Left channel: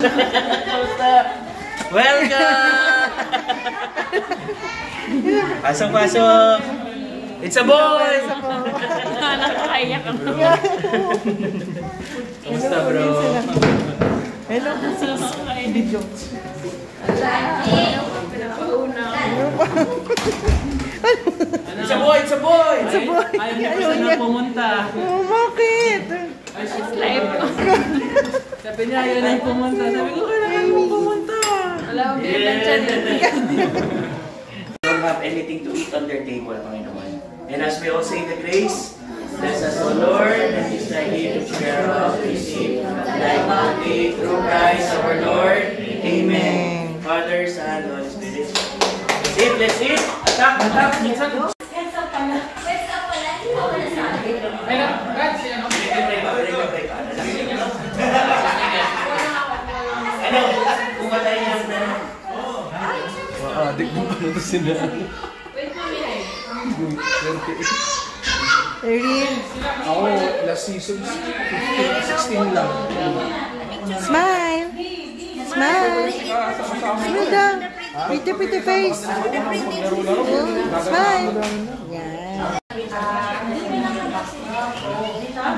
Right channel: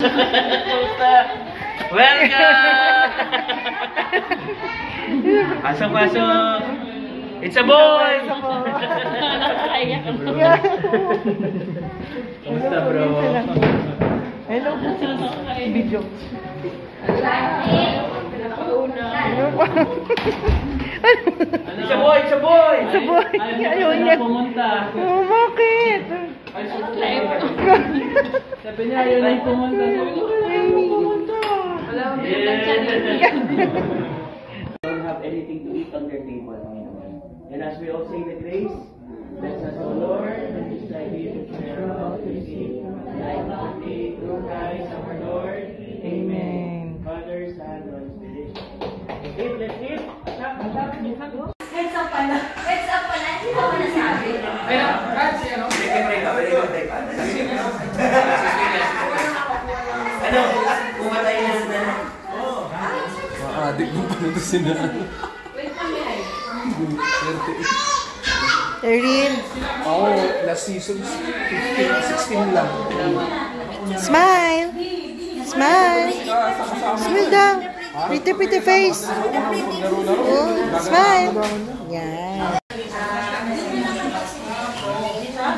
Welcome! Pasok! It's a boy! Nakakaiyak ka na. Kamusta, bro? Hello, video. It's a boy! It's a boy! It's a boy! Ayaw na pumunta. Oh, bakit? Sabi niya, ayaw na pumunta. Sabi ko, kailangan mo pumunta. Alam mo, don't have anything to eat on their table, Panginoon. And as we all say the grace, bless us, O Lord, and His thy gift to share of receive thy bounty through Christ our Lord. Amen. Father, Son, Holy Spirit. Let's eat. Attack. Heads up pala. Heads up pala. Hindi ko na sabi. Ano? Kumatayin lang na. Adik mo pa na ito sila. Wait kami ay. Erin. Ako, last season, 15, 16 lang. Smile. Smile. Smile daw. Pretty face. Oh, smile. Yan.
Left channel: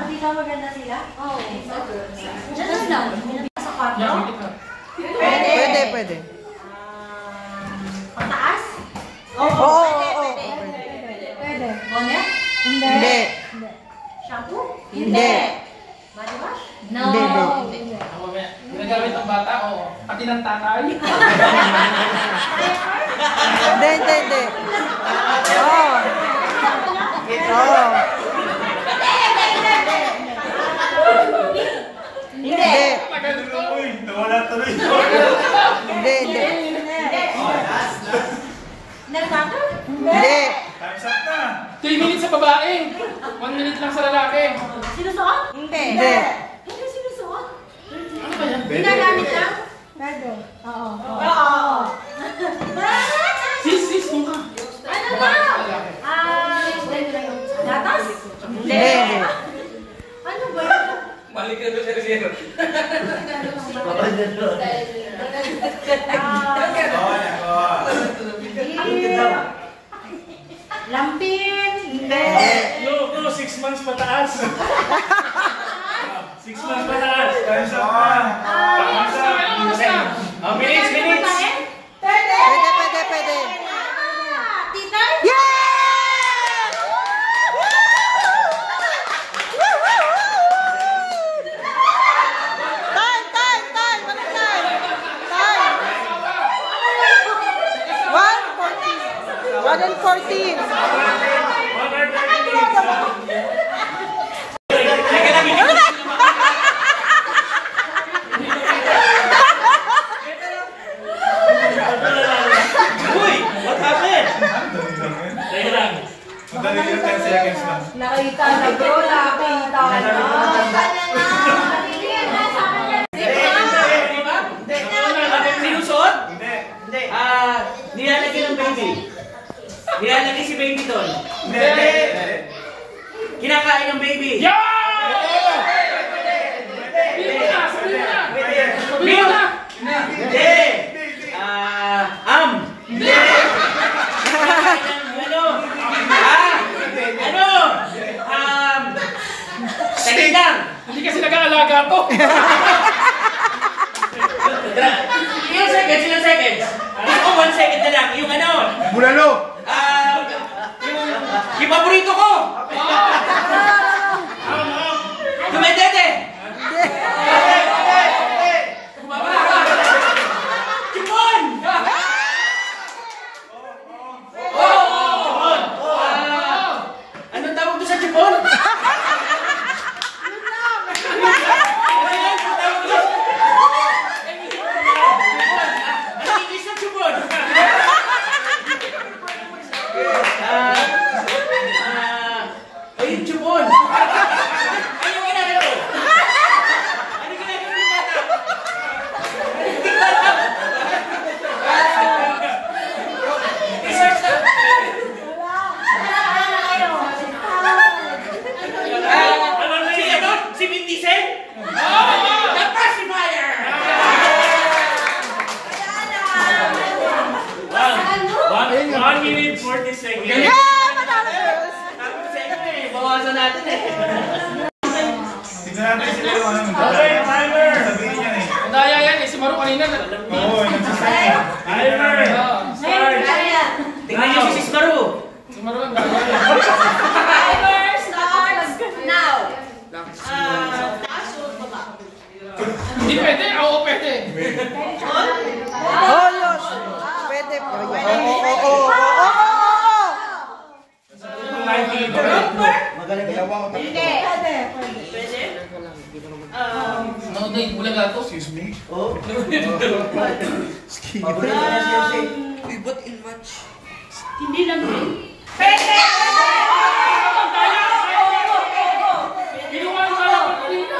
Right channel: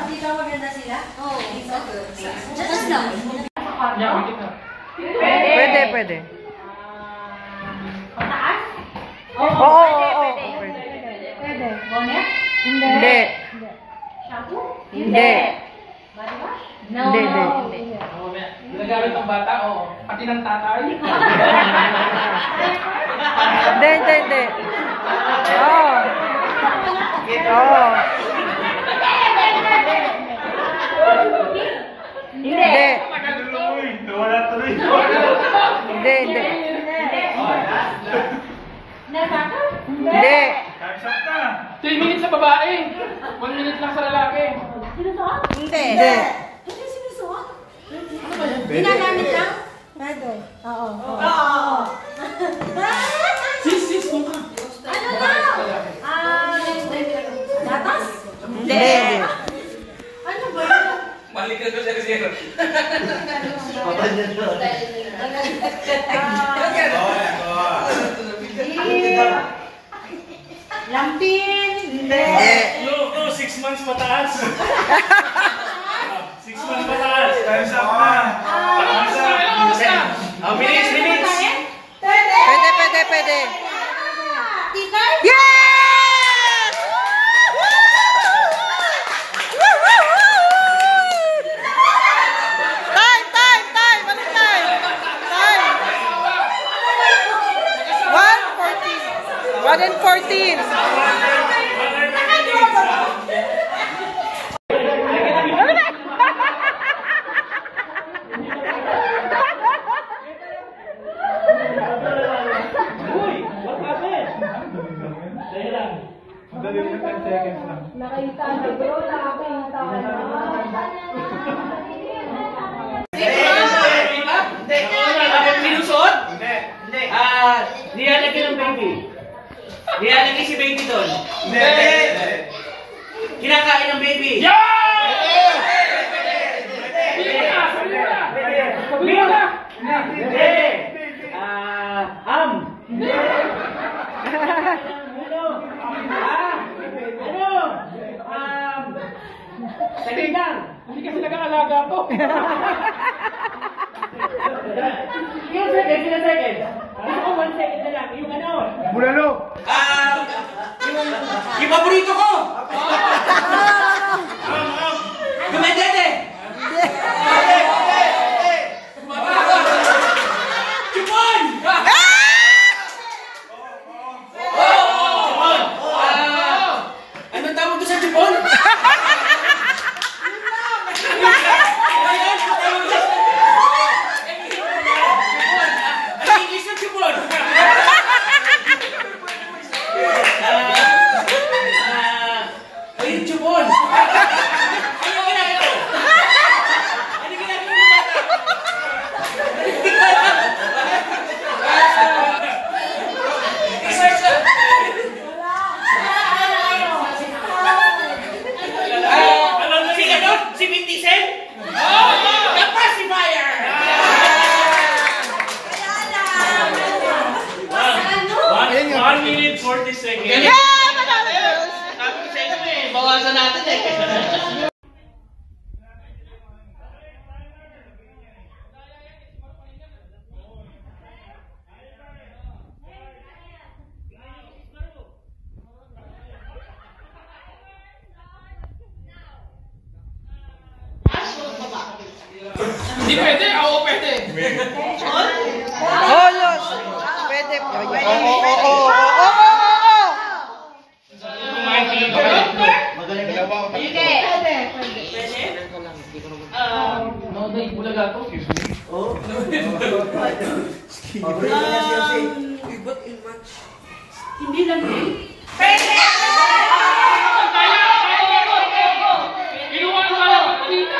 Dito maganda sila? Oo. Just now. Sa kwarto? Pwede. Pataas? Oo. Pwede. Bonnet? Hindi. Shampoo? Hindi. Body wash? No. Hindi. Ginagamit ng bata, o pati ng tatay. Hindi. Oo. Hindi. Hindi. Nag-cutter? Hindi. 3 minutes sa babae, 1 minute lang sa lalaki. Sinusuot? Hindi. Hindi sinusuot? Ginagamit lang? Pwede. Oo. Sis, kung ka. Ano na? Gatas? Hindi. Ano ba yun? Balik ka doon sa zero. Lampin? Hindi. No, 6 months pataas. 6 months pataas. Oh, minutes. Pwede. Tita? Yes! Time! Anong time? 1:14. Nakita na bro, nakita na. Sinusot? Hindi. Nilalagay ng baby. Nilalagay si baby doon. Hindi. Kinakain ng baby. Hindi. Hindi. Saglit lang. Hindi kasi nag-aalaga to. Ilang seconds? Ako 1 second na lang. Yung ano? Bulalo. Yung paborito ko. Dumedede. Chipon! Anong tawag doon sa chipon? second. Yeah! Manalo girls! Second eh, bawasan natin eh. Tignan natin sila yung ano. Okay, timer. Sabihin yan eh. Ang daya yan eh. Si Maru kanina. Oo, nagsasay. Timer. Start. Tingnan niyo si Sis Maru. Si Maru ang daya. Timer starts now. Hindi pwede. Oo, pwede. Oh, yes! Pwede. Oo. No, hindi. Bulaga to. Excuse me. Oh. Paborito na siya si. Hindi lang din. Kinuha ang kaya ko kanina.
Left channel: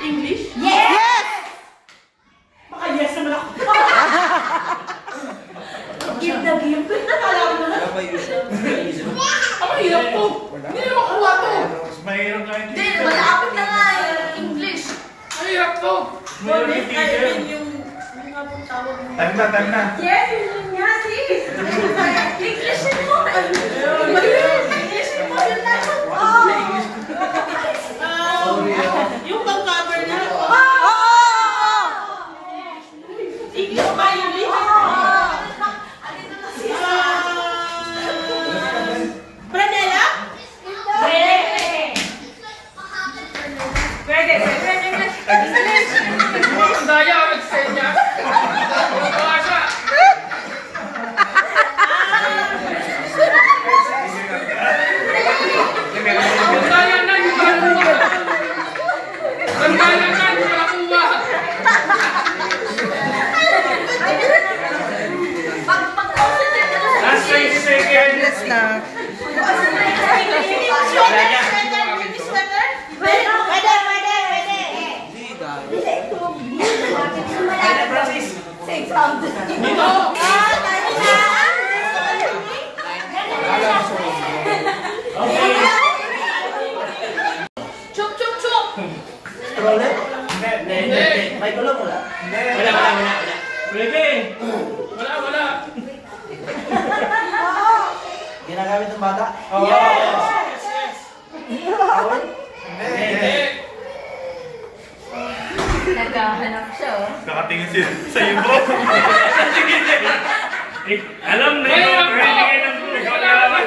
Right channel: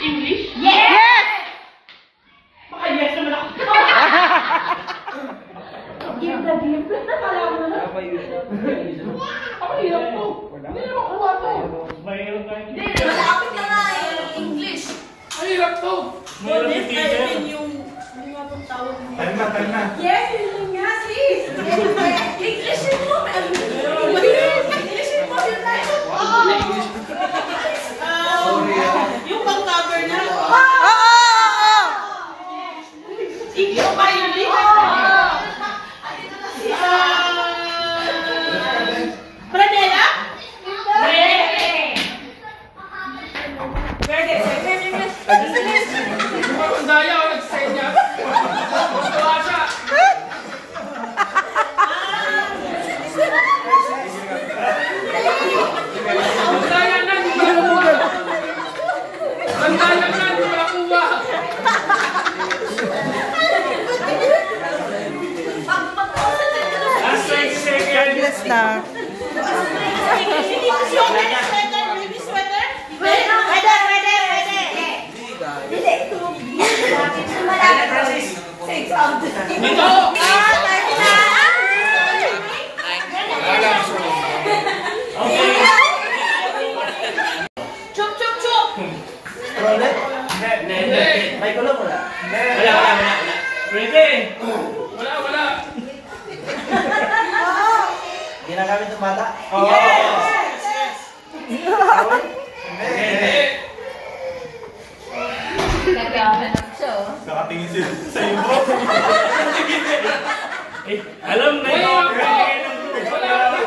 English? Yes! Baka yes naman ako. Give the gift. Alam mo na. Ang hirap to. Hindi na makuha to. Mas mahirap na hindi. Malapit na nga English. Ang hirap to. Time na. Yes, yun nga sis. English mo. English mo yun na. Yung pang-cover na. Oo! English ba yun? Pranela? Pwede. Ang daya ako nag-send niya. Wala siya. Ang daya na. Hindi ko nakuha. Ang daya na. Hindi ko nakuha. Last 5 seconds. Yes na. Dito. Okay. Chup, chup, chup. Trolle? Hindi. May kulong wala? Wala. Pwede. Wala. Ginagamit ng bata? Yes! Tawad? Hindi. Nagkahanap siya. Nakatingin sila sa iyo mo. Alam na Wala yun. po. Ikaw Wala yaman.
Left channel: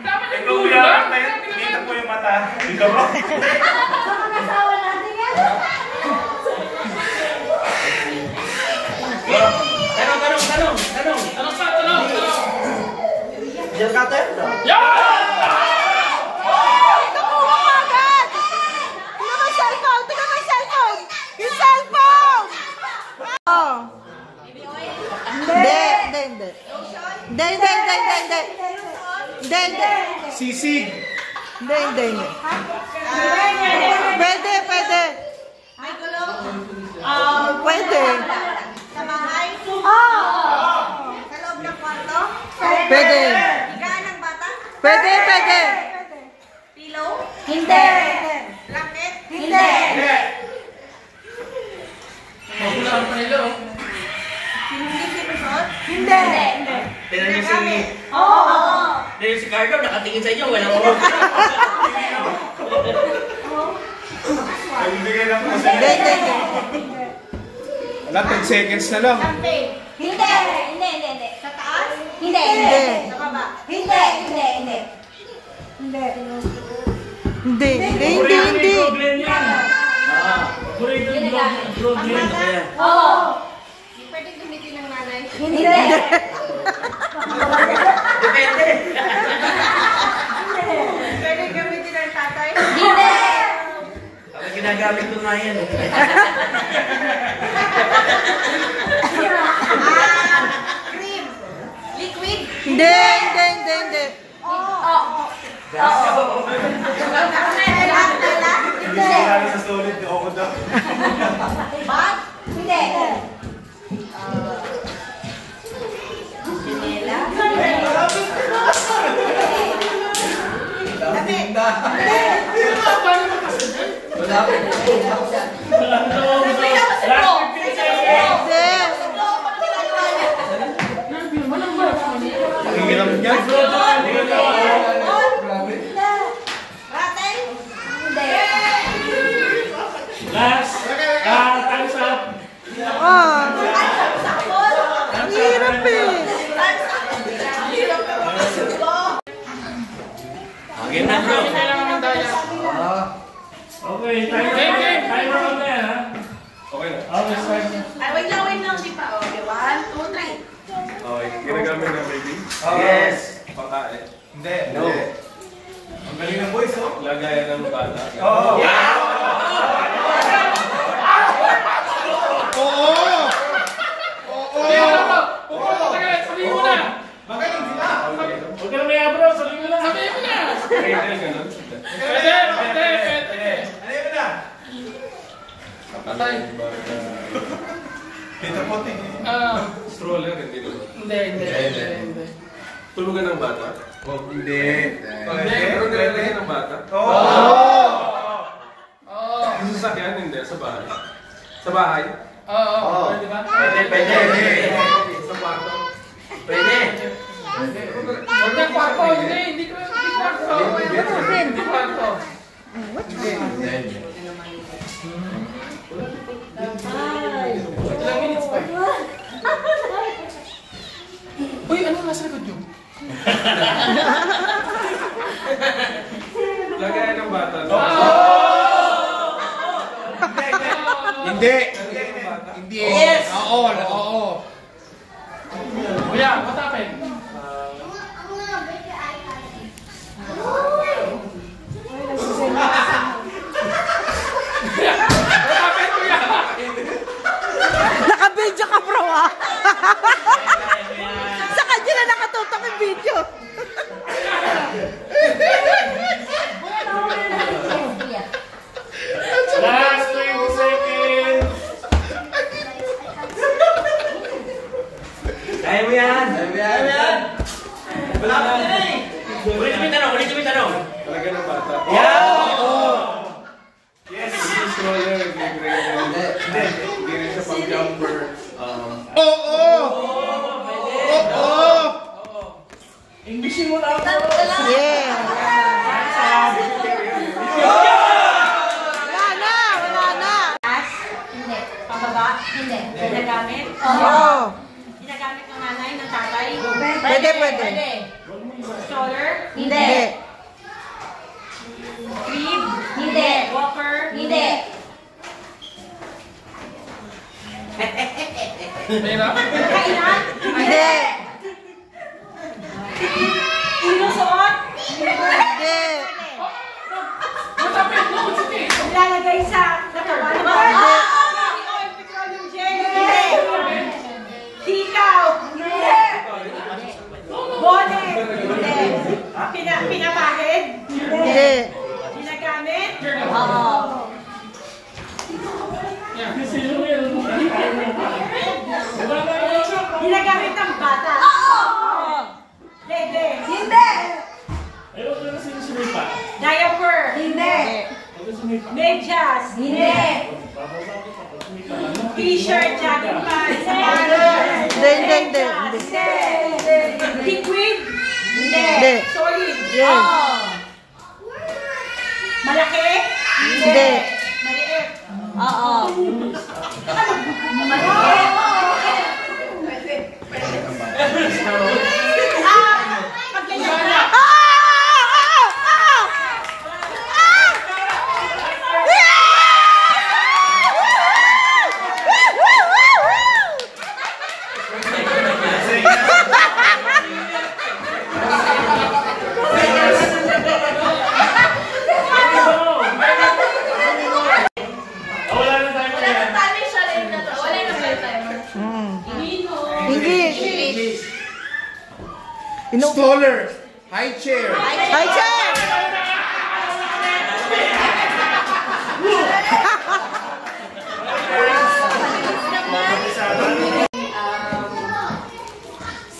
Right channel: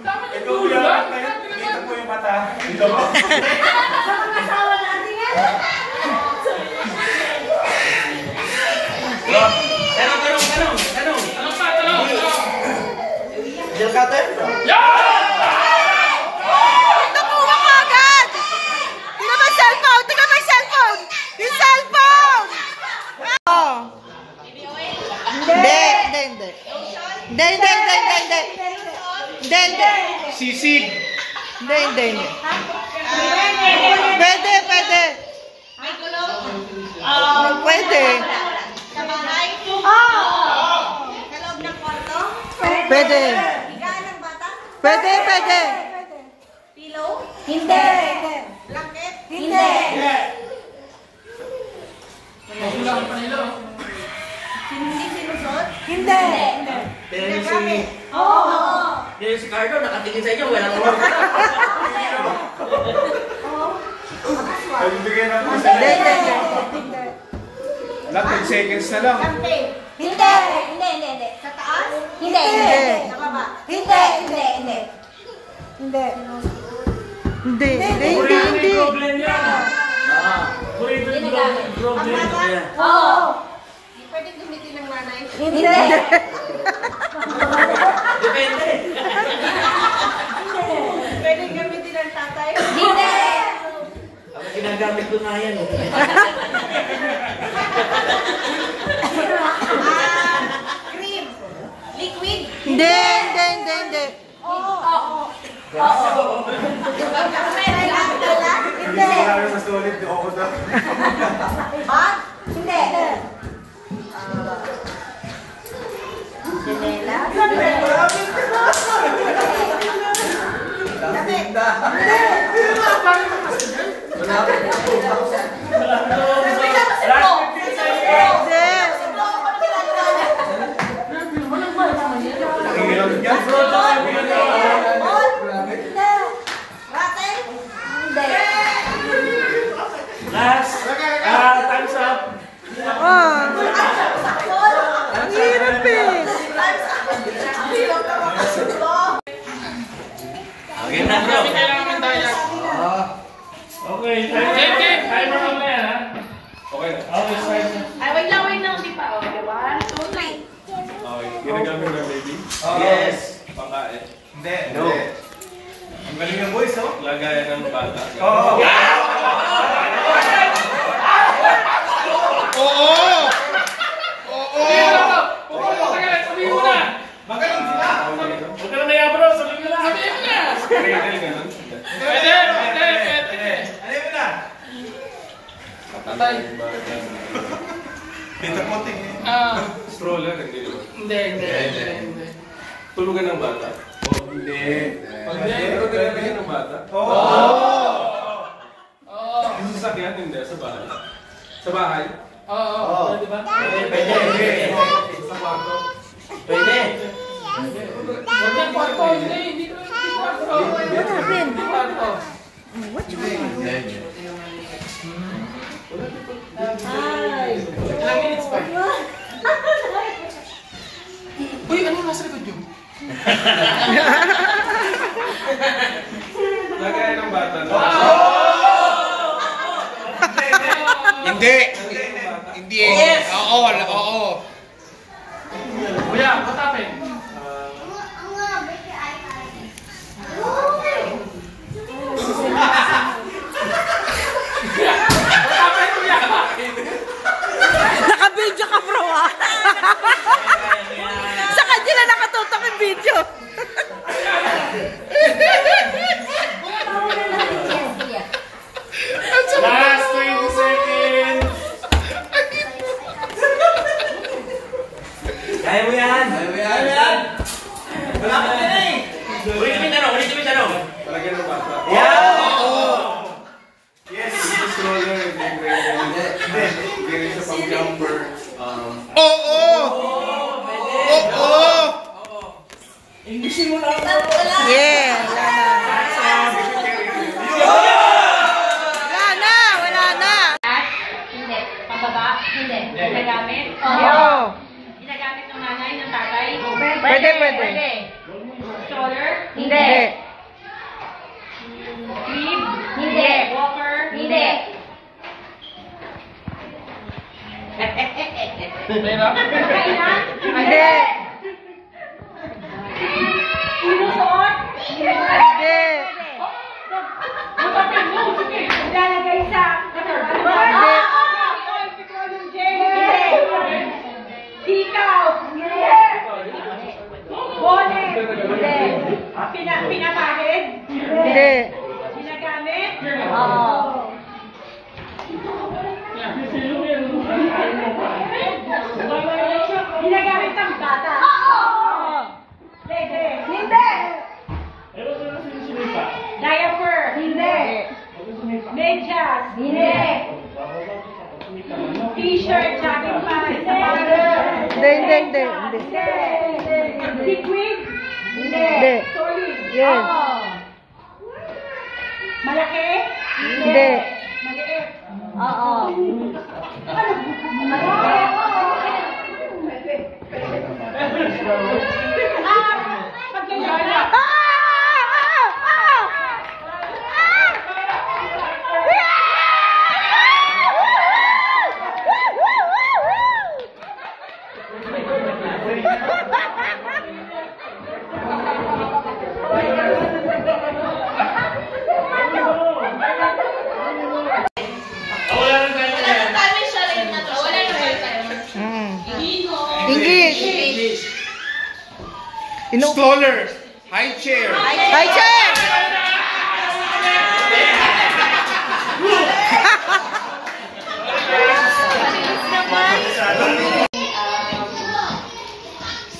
Dapat yung Ikaw dulo yaman ba? na yun. Kita mo yung mata. Ikaw mo. Asawa natin yan. Tanong. Ano pa? Tanong. Jill Cutter? Nakuha ka agad! Tingnan mo yung cellphone! Yung cellphone! Oh. Hindi. Sisig. Hindi. Pwede. May gulong? Pwede. Sa bahay? Oo. Sa loob ng kwarto? Pwede. Higaan ng bata? Pwede. Pillow? Hindi. Blanket? Hindi. Hindi sinusot? Hindi. Tinanong si... Oo. Dahil si Carlo nakatingin sa inyo. Walang kulong. Pagbibigay ng kasi. Hindi. Wala, 10 seconds na lang. Something? Hindi. Sa taas? Hindi. Hindi. Sa baba? Hindi. Hindi. Problem yan. Burrito yung problem. Ayan. Oo. Pwede gamitin ng nanay? Hindi. Depende. Pwede gamitin ng tatay? Hindi. Ang ginagamit ko nga yan. Cream? Liquid? Hindi. Hindi sigurado sa solid. Ako daw. Bag? Hindi. Sinela? Last 15 seconds. Hindi. Ano ginagawa niya? lapis. Ang hirap na makasunod. Okay na, bro. Kami kailangan tayo. Okay, timer on na ha. Okay na. Okay, fine na. Ay, wait lang, di pa. Okay, 1, 2, 3. Okay, ginagamit na baby. Yes. Pangkain. Hindi. Ang galing ng boys, oh. Lagayan ng bata. Oo. Sabihin mo na. Magaling sila. Huwag ka na maya bro, sabihin mo na. Sabihin mo na. Cradle ganun. Pwede. Ano yun na? Patay. Dito po, tingin. Stroller, hindi naman. Hindi. Tulugan ng bata. Hindi. Pero nilalagyan ng bata. Oo. Yung sasakyan, hindi. Sa bahay. Sa bahay? Oo. Pwede ba? Pwede. Sa kwarto. Pwede. Hindi kwarto. Hindi kwarto. Ilang minutes pa? Uy, ano nasa likod yun? Lagayan ng bata. Hindi. Hindi. Yes. Oo. Kuya, what happened? Naka-video ka, bro, ah. Sa kanya na nakatutok yung video. Last 20 seconds. Kaya mo yan. Wala pa yan eh. Ulitin mo yung tanong. Lagayan ng bata. Yeah. Yes. Hindi stroller, hindi cradle. Hindi. Hindi rin siya pang jumper. Englishin mo na ako. Yeah. Wala na. Hindi. Pababa? Hindi. Ginagamit? Oo. Ginagamit ng nanay, ng tatay? Pwede. Stroller? Hindi. Crib? Hindi. Walker? Hindi. Kailan? Kainan? Hindi. Sinusuot? Hindi. What happened? No, it's okay. Ilalagay sa katawan? Hindi. Oil, petroleum jelly? Hindi. Sitaw? Hindi. Bonnet? Hindi. Pinapahid? Hindi. Ginagamit? Oo. Ginagamit ng bata? Oo. Hindi. Hindi. Diaper? Hindi. Medyas? Hindi. T-shirt, jogging pants, sapatos? Hindi. Liquid? Hindi. Solid? Yes. Malaki? Hindi. Maliit? Oo. Maliit? Pag ganyan na. English. Stroller. High chair. High chair.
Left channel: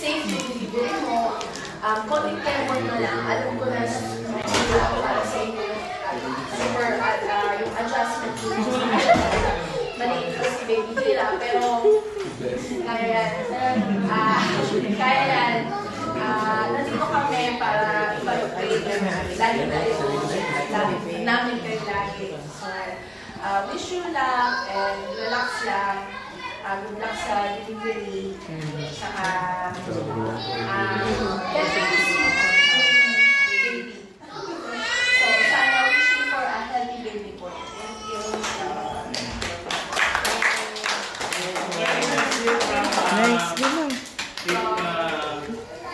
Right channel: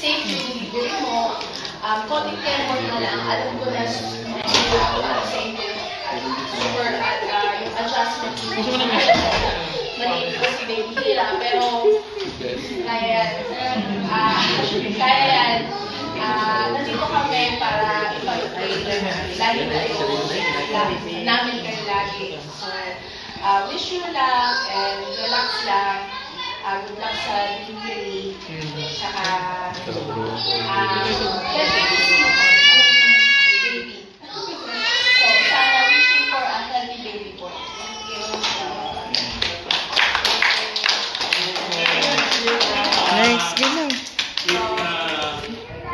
Safe yung delivery mo, konting effort na lang, alam ko na para sa inyo super yung adjustment maliit ko si baby hira, pero kaya yan, nandito kami para ipag-update lagi kayo, namin kayo lagi. So, wish you luck and relax lang. good luck sa delivery. Saka, healthy baby. So, sana wishing for a healthy baby po. Thank you. Next, yun lang.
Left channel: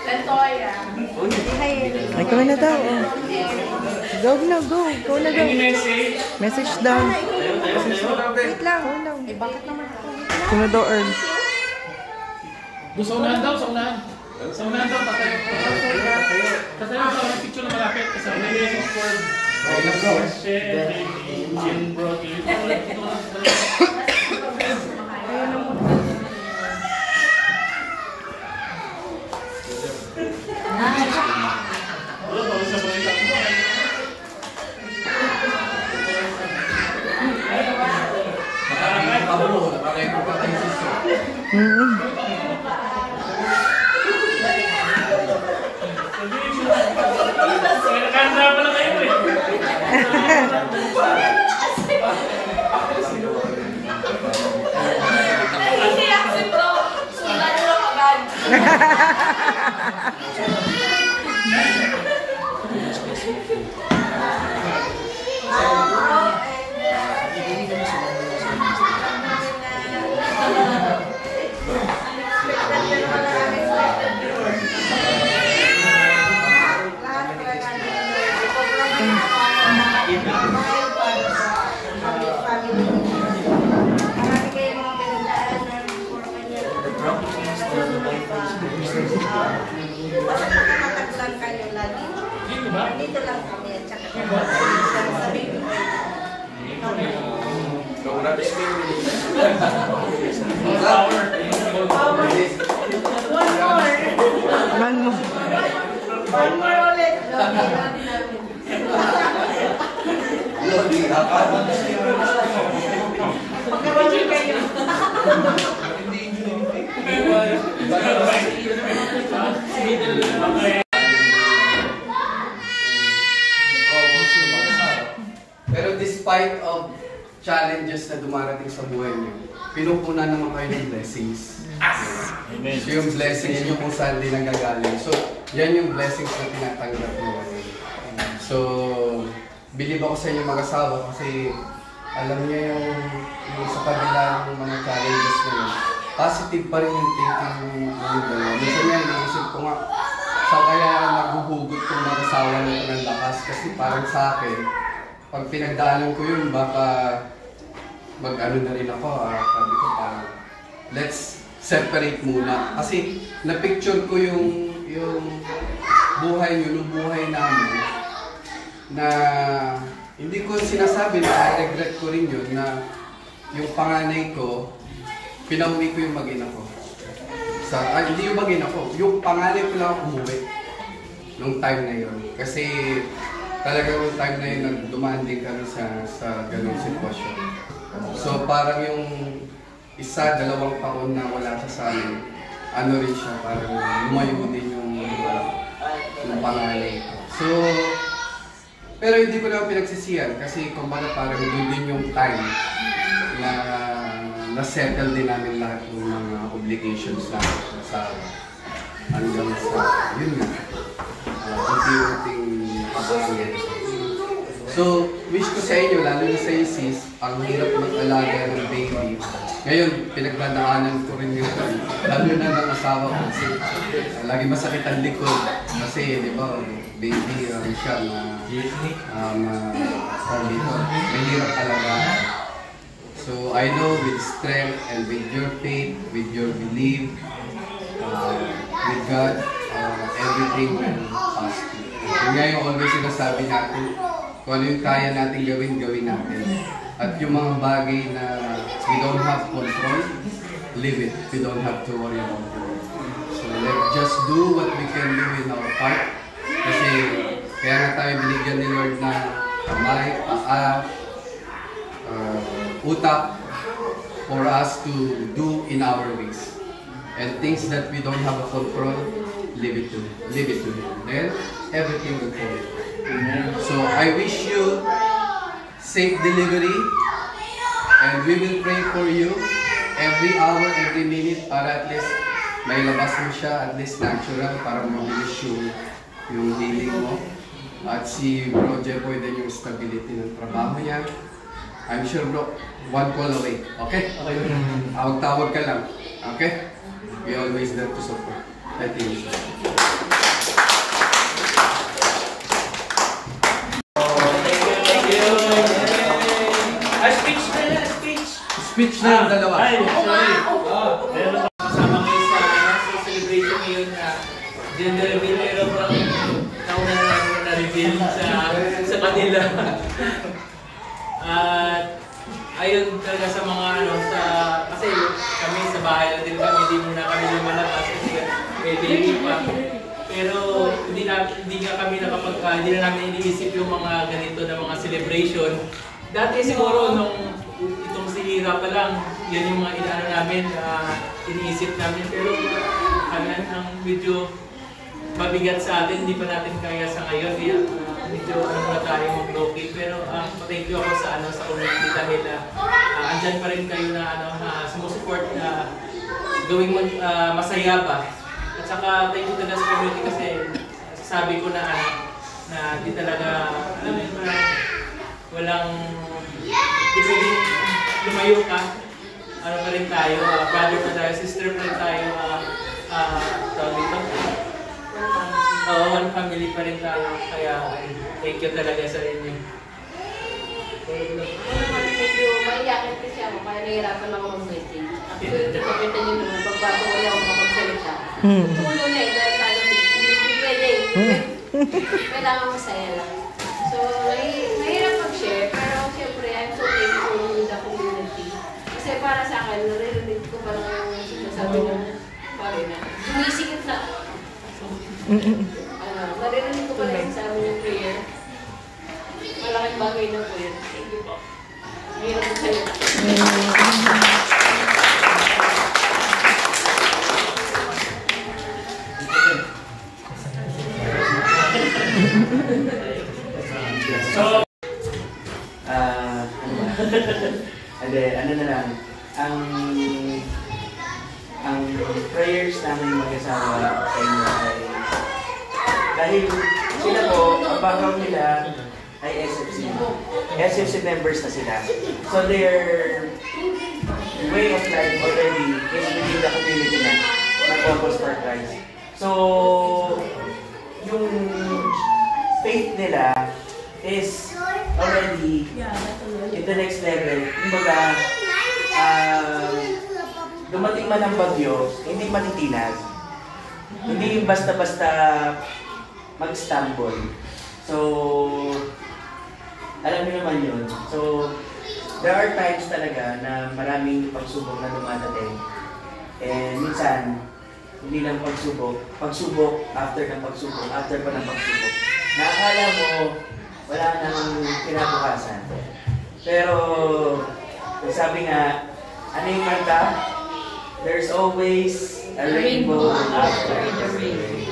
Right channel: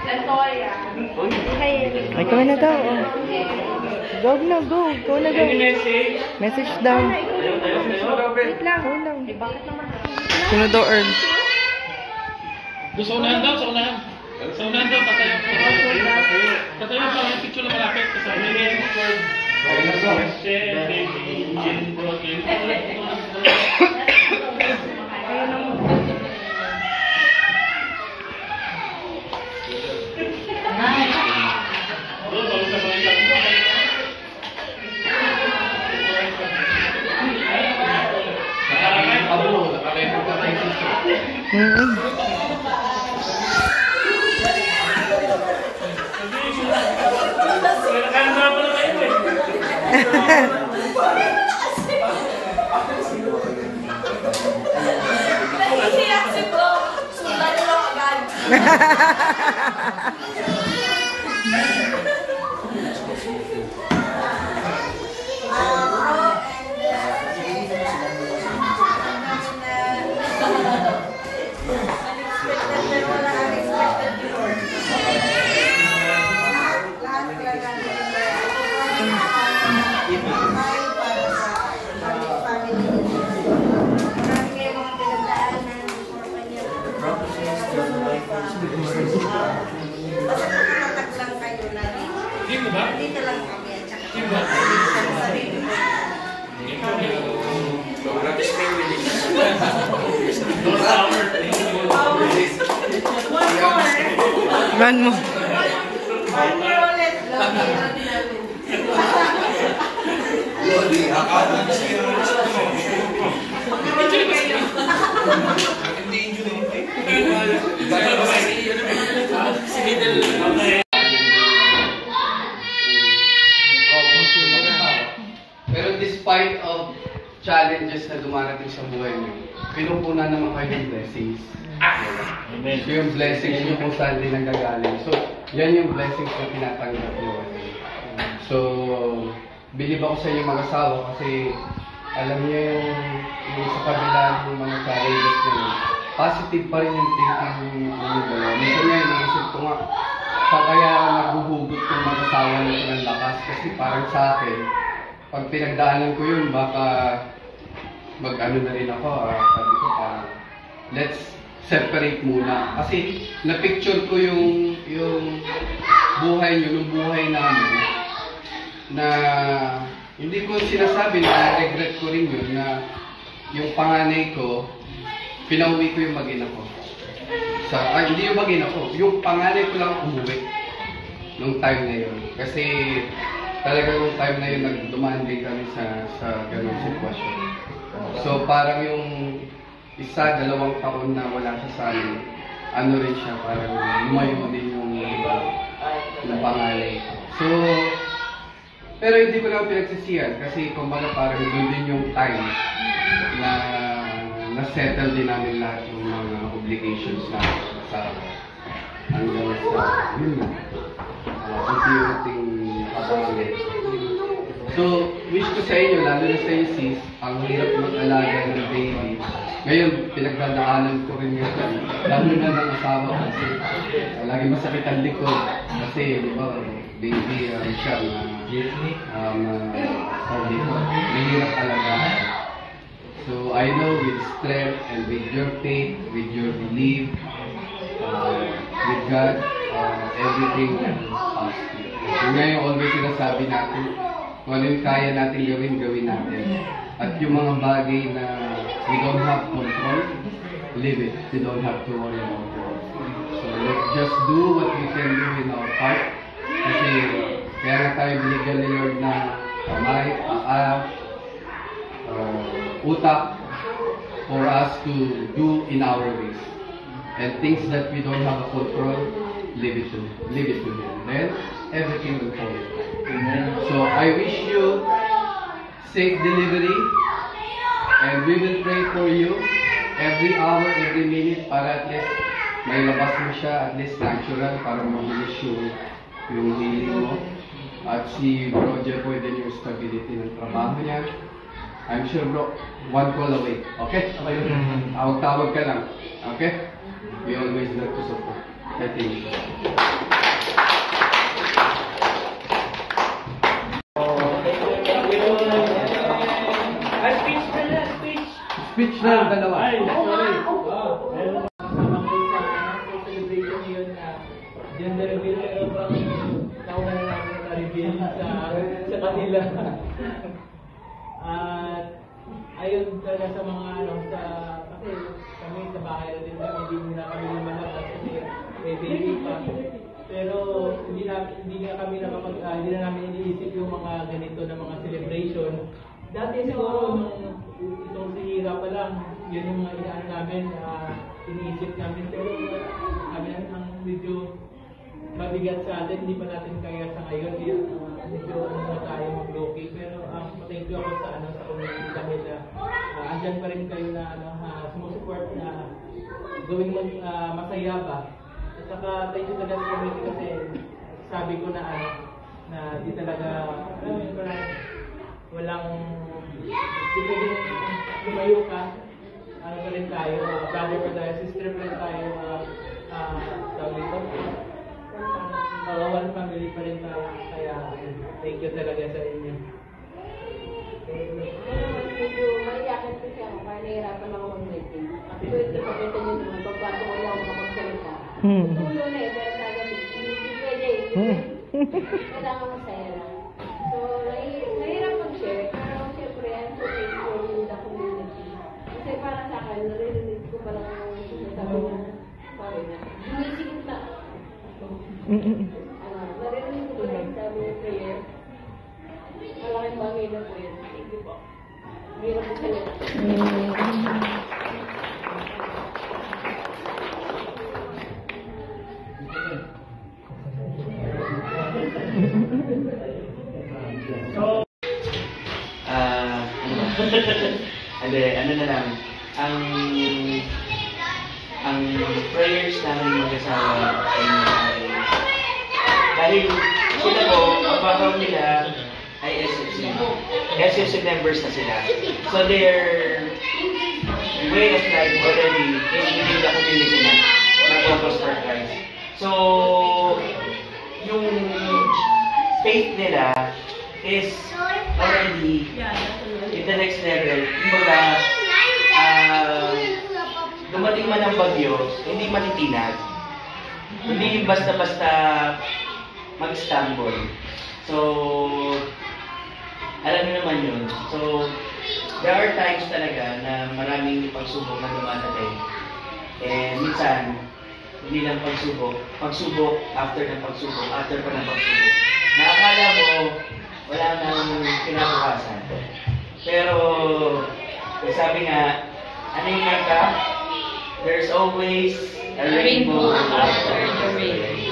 Lantoya. Ay, kami na daw. Oh. Go na, go. Go na daw. Message daw. Wait lang. Go lang. Eh, bakit naman? Sino daw, Earl? Gusto unahan daw, sa unahan. Sa unahan daw, patayo. Patayo sa picture na malapit. Kasama Nakahanda pala kayo eh. Nahihiyak si bro. Sulat mo agad. Basta nakatatag lang kayo lagi. Dito ba? Dito lang kami at saka Dito ba? Man mo. one more ulit. Lodi, akala mo siya. Pero despite of challenges na dumarating sa buhay mo, pinupunan naman kayo ng blessings. Amen. So yung blessings nyo kung saan din nanggagaling. So yan yung blessings na tinatanggap nyo. So bilib ako sa inyong mag-asawa kasi alam niyo yung sa kabila ng mga challenges na yun, positive pa rin yung thinking ng dalawa. Minsan nga, iniisip ko nga, sa kaya naghuhugot yung mag-asawa nito ng lakas kasi parang sa akin, pag pinagdaanan ko yun, baka mag-ano na rin ako, sabi ko parang, let's separate muna. Kasi na-picture ko yung buhay nyo, yung buhay namin, na hindi ko sinasabi na regret ko rin yun na yung panganay ko, pinauwi ko yung mag-ina ko. Hindi yung mag-ina ko, yung panganay ko lang umuwi nung time na yun. Kasi talaga yung time na yun nagdumaan din kami sa ganung sitwasyon. So parang yung isa, 2 taon na wala siya sa amin, ano rin siya, parang lumayo din yung panganay ko. So, pero hindi ko naman pinagsisiyan kasi kumbaga parang doon din yung time na na-settle din namin lahat ng mga obligations namin sa hanggang sa yun nga. Unti-unting kapangit. So, wish ko sa inyo, lalo na sa inyo sis, ang hirap mag-alaga ng baby. Ngayon, pinagdadaanan ko rin yun. Lalo na ng asawa ko kasi lagi masakit ang likod. Kasi, di ba, baby, siya na mahirap alagaan. So, I know with strength and with your faith, with your belief, with God, everything will pass through. Yung nga yung always sinasabi natin, kung ano yung kaya natin gawin natin. At yung mga bagay na we don't have control, leave it. We don't have to worry about it. So let's just do what we can do in our part. Kasi kaya nga tayo binigyan ni Lord na kamay, paa, utak for us to do in our ways. And things that we don't have a control, leave it to Him. Then everything will fall. So I wish you safe delivery, and we will pray for you every hour, every minute para at least may labas mo siya, at least natural para mabilis yung healing mo. At si Bro Jepoy din yung stability ng trabaho niya. I'm sure bro, one call away. Okay? Tawag ka lang. Okay? We always there to support. I think so. Speech na yung dalawa. Ay, sorry. Kasama kayo sa celebration ngayon na gender reveal, pero parang nauna na namin na-reveal sa kanila. At ayun talaga sa mga kasi kami sa bahay lang din kami, hindi muna kami lumalabas kasi may baby pa. Pero hindi na namin iniisip yung mga ganito na mga celebration. Dati siguro nung itong si Hira pa lang, yun yung mga inaano namin, iniisip namin. Pero ang medyo mabigat sa atin, hindi pa natin kaya sa ngayon. Kaya medyo muna tayo mag-loki. Pero thank you ako sa community dahil andyan pa rin kayo na sumusupport na gawing masaya ba. At saka thank you talaga sa community kasi sabi ko na di talaga, walang, di pwedeng lumayo ka, pa rin tayo, brother pa tayo, sister pa rin tayo, tawag dito? Oo, one family pa rin tayo, kaya thank you talaga sa inyo. Medyo maiyakin kasi ako, kaya nahihirapan ako mag-message. Actually, kapita niyo naman, pagbago wala ako makapagsalita. Tulo na dahil talaga hindi pwede. Kailangan masaya lang. So, mahirap mag-share, pero siyempre, I'm so thankful with the community. Kasi para sa akin, narinig ko pa lang yung sinasabi ng pare na, sumisikip na. Narinig ko pa lang yung sabi ng prayer. Malaking bagay na prayer. Thank you po. Mahirap magsalita. Ano na lang, ang prayers namin mag-asawa sa inyo ay dahil sila po, ang background nila ay SFC members na sila. So their way of life already is within the community na nag-focus for Christ. So yung faith nila is already in the next level. Kumbaga, dumating man ang bagyo, hindi matitinag. Hindi basta-basta mag-stumble. So, alam niyo naman yun. So, there are times talaga na maraming pagsubok na dumadating. And minsan, hindi lang pagsubok after ng pagsubok, after pa ng pagsubok. Naakala mo, wala nang kinabukasan. Pero, sabi nga, ano yung kanta? There's always a rainbow after the rain.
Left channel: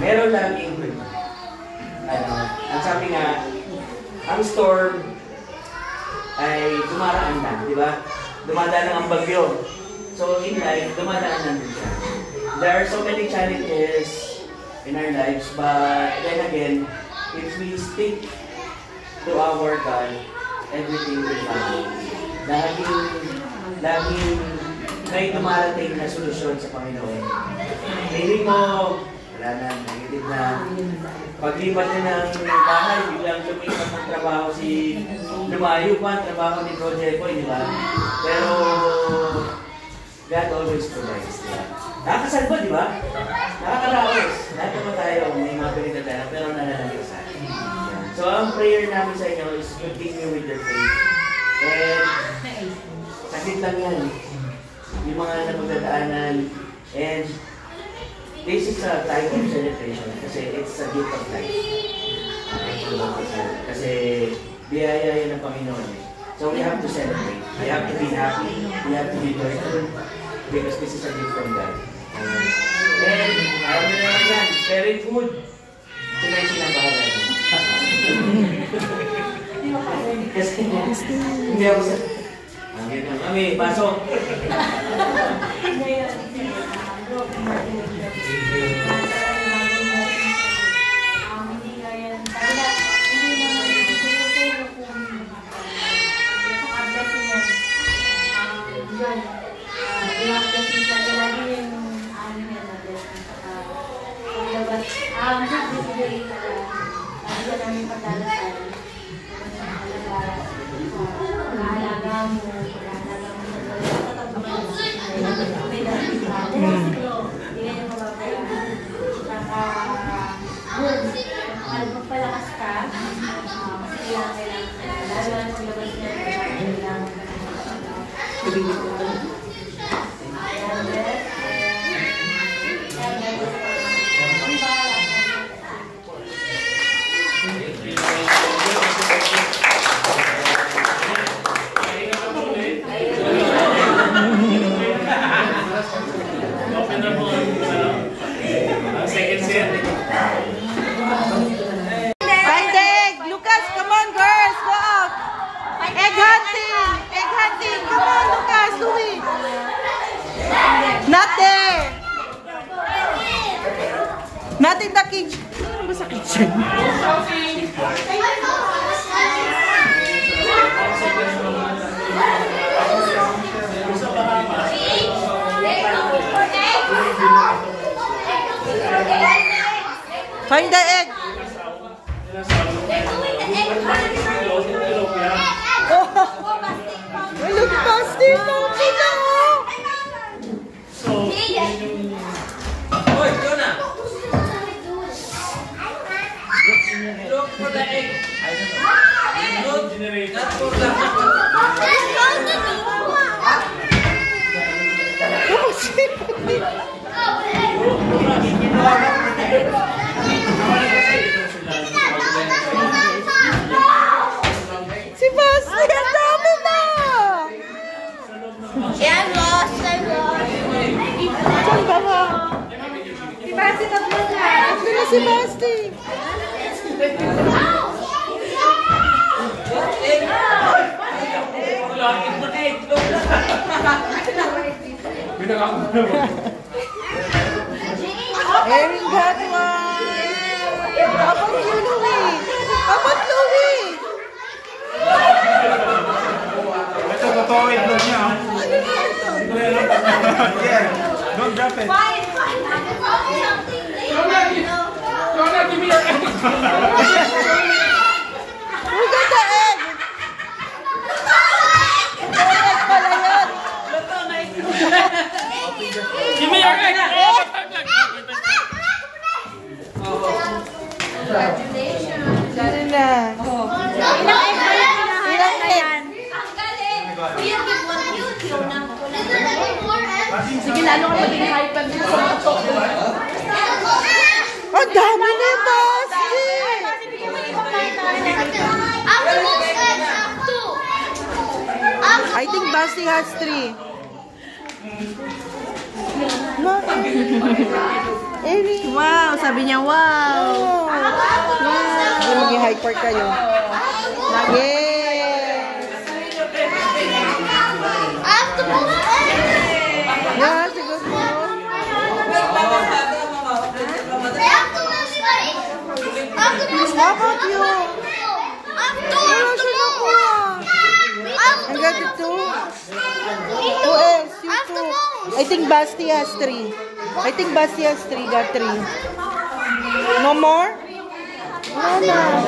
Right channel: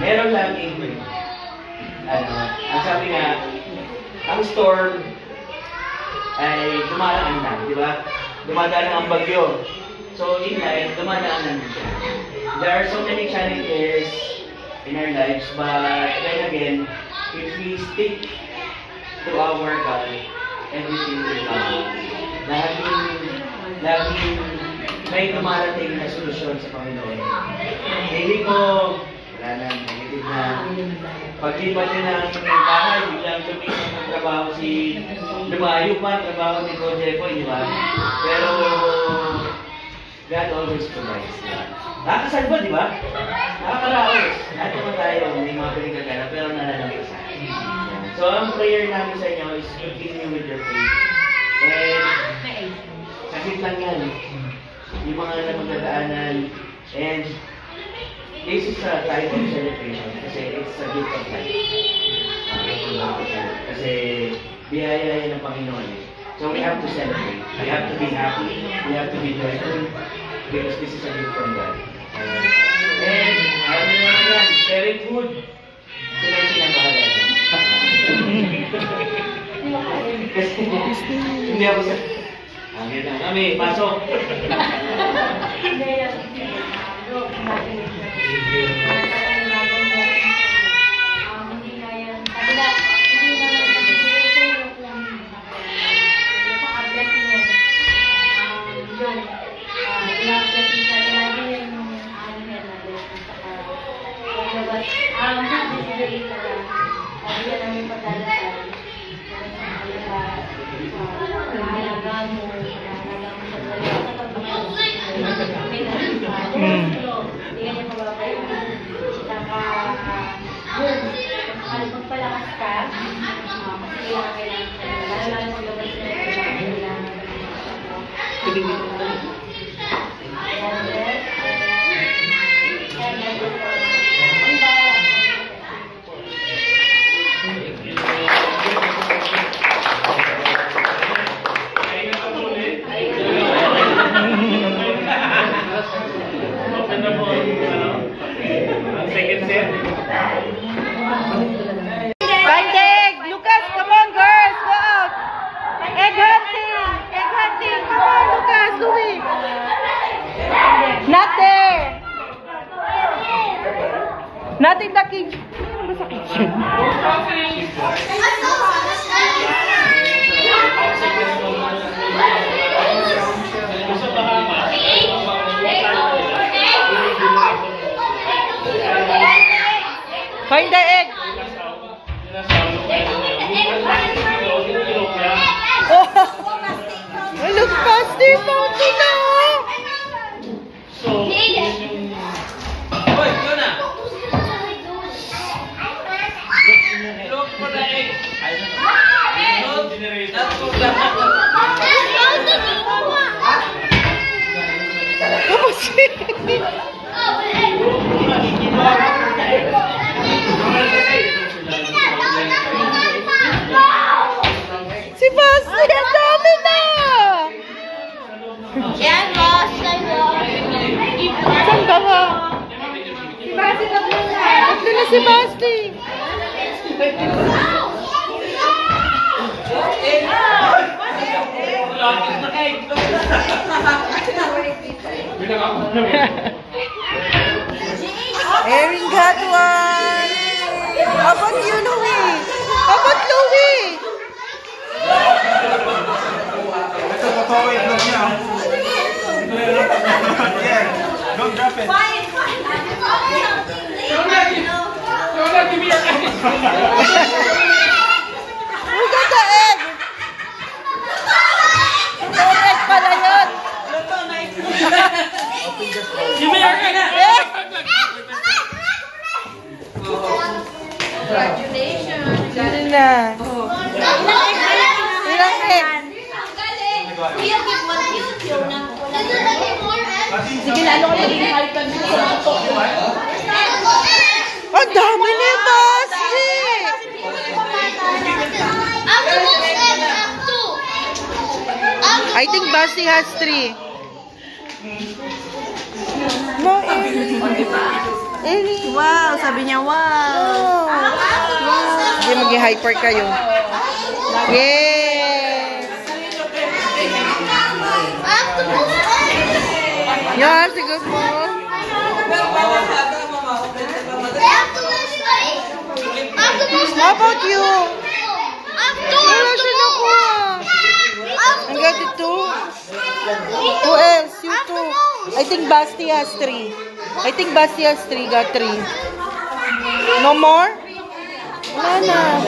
Meron laging, ang sabi nga, ang storm ay dumaraan na, di ba? Dumadaan ang bagyo. So, in life, dumadaan lang din siya. There are so many challenges in our lives, but then again, if we stick to our God, everything will come. Laging may dumarating na solusyon sa Panginoon. Hindi mo, wala na, negative na. Paglipat nyo ng bahay, biglang lumipat ng trabaho lumayo pa ang trabaho ni Bro Jepoy, di ba? Pero, God always provides, di ba? Nakakasalba, di ba? Nakakaraos. Lahat naman tayo, may mga pinagkagana, pero nananamig sa akin. So, ang prayer namin sa inyo is continue with your faith. And, sakit lang yan. Yung mga napagdadaanan. And, this is a time of celebration kasi it's a gift of life. Kasi, biyaya yan ng Panginoon. So, we have to celebrate. We have to be happy. We have to be joyful. Because this is a gift from God. And, ayaw na naman yan. Very good. Sila yung bahala niyo. Kasi, hindi ako sa... Amin na kami, pasok. Magpalakas ka, kasi kailangan maglabas na Find the egg! Lucas, come on girls! Go out! Egg hunting! Egg hunting! Come on Lucas! Louie! Not there! Not in the kitchen. Ano sa kitchen? Find the egg! Oh, look pasty, Pauti na! Hoy, ito na! Look for the egg! Look for the Si Basti, ang dami na! Yan, boss. Saan ka ba? Ito na si Basti. Erin got one. How about you, Louie? How about Louie? Ito, papawid lang niya. Yeah, don't drop it. Give me your egg. Who got the egg? Ang egg pala yun. Give me your egg. Egg! Congratulations. Yun na. Ilang egg? Sige na, ano ko maging hyper dito sa mga talk. Ang dami ni Basti! I think Basti has 3. No, Erin. Erin. Wow, sabi niya wow. Oh. Sige, mag-hyper kayo. Yes! Yeah, sige po. How about you? Wala siya nakuha. Ang get it too? Who else? You too. I think Basti has 3. I think Basti has 3. Got 3. No more? Wala na.